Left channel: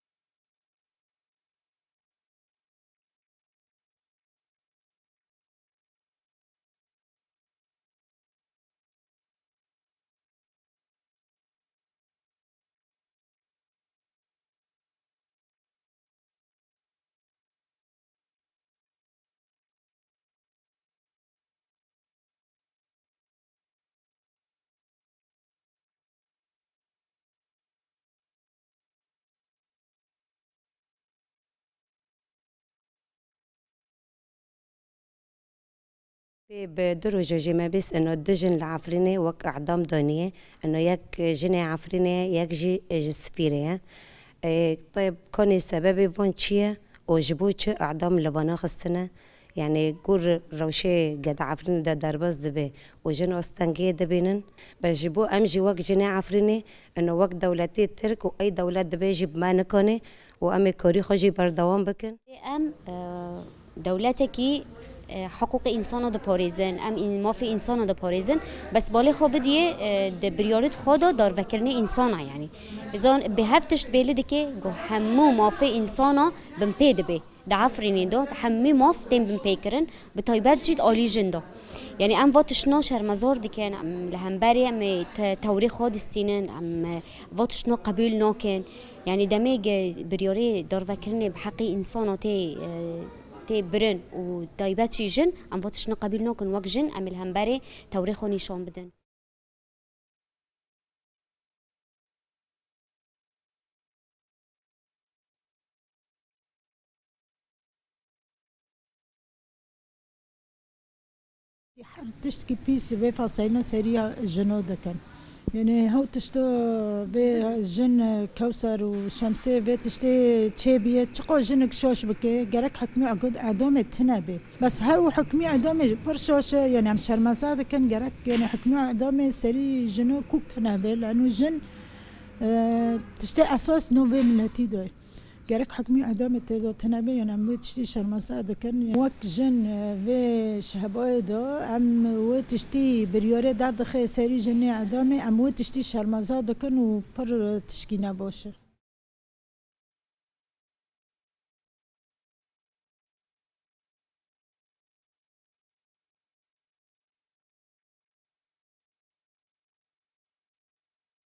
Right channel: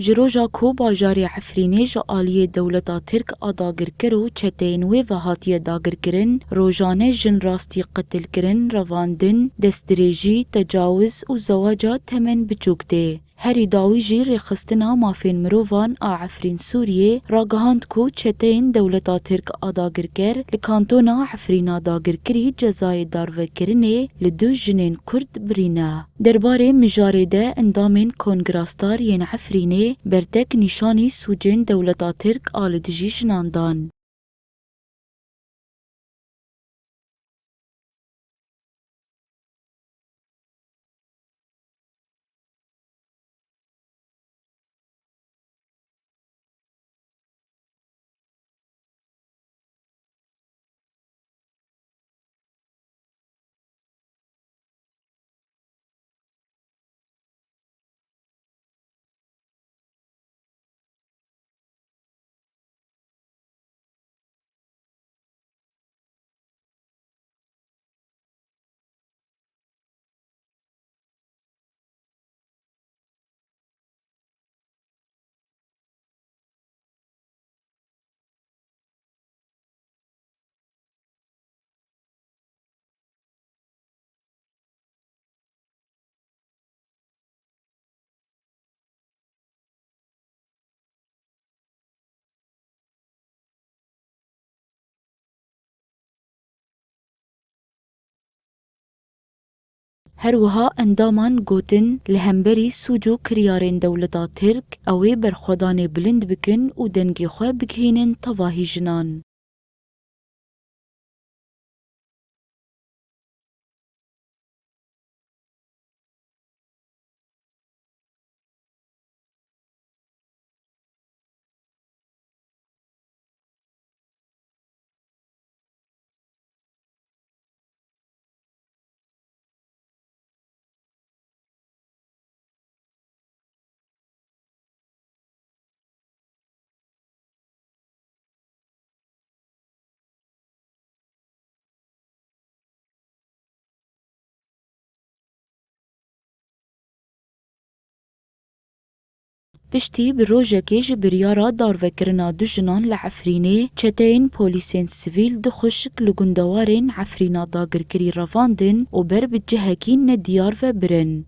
جروجا کو باجاری عفرینه جا آلیه دولتا ترک آداگر کرو چتین و هاتیه داگر کرن روزانه جن راستی قتل کرن رواندن دستریجی تجاوز و زواجات تمن بچوکته. هری داوی جی رخصتنا مافین مروفان عفرین سوریه راگهاند کو چتین دولتا ترک آداگر کر لکانتونا عفرینا داگر کری جزای دارو کرنه لدو جنین کرد برینا. درباره مجاره ده اندامین کنگراستار ین عفرینه برتک نشانی سوجن دولتا ترک آلدجی جناندان. بدرجة جمع بس إنه الدجن العفريني وك أعدام دانية إنه يك جني عفريني يك جي سفيرة. طيب كون السبب فون شيء وجبوش أعدام لبنا خستنا يعني قول روشة قد عفريني ده دربز دبي وجن أستنجي دبينن بجيبو أمجي وك جني عفريني إنه وك دولتي ترك وأي دولة دبي جيب ما نكوني وأمي كوري خجي بردوام بكن. أم دولتكي حقوق انسان دا پاریزن ما في انسان دا پاریزن بس بالي خو بديه د بريوريت خدا دار وکرنه انسان يعني اذا به هفتش بيلد كي جو همو ما في انسان بن بيد بي دا عفريني دو همي ما فتن بن بيكرن بتايبات جيد عالي جندا يعني ام واتشنا شرمزار دي كان ام لهمبري ام توريخ خود السنين ام واتشنا قبيل ناكن يعني دميج بريوري دار وكرنه بحقي انساناتي تي برن و دايباتشي جن ام واتشنا قبيل ناكن وك جن ام الهمبري توريخو نشان بدن. هروها اندامان گوتن لهمبری سوجو کریارین دولتا ترک اوی برخودان بلند بکن و دنگی خواه بکهینن تواهی جنان. تشتكي بيس في فصيلة سريع جنو دكن يعني هو تشتو في جن كوثر وشمسة في تشتي تشيبية تقو جنك شوش بكي جرك حكمي عقد عدوم تنابي بس هو حكمي عدوم برشوش يعني عم شرمسا دكن جرك يعني حكمي عدوم سري جنو كوك تنابي لأنه جن تشتي أساس نوفي ملتي دوي جرك حكمي عدم تدو تنابي يعني عم تشتي شرمسا دكن وك جن في شهباي دو عم وتشتي بريوري درد خي سري جني عدامي عم وتشتي شرمسا دكن وبر تشكينا باشه. پشتی بروژه که جبریارا دار وکرنا دو جنان لعفرینه چتین پولیسین سیویل دو خشک لگندوارین عفرینا داگر کری رواندن و بر بجهکین ندیار و برن.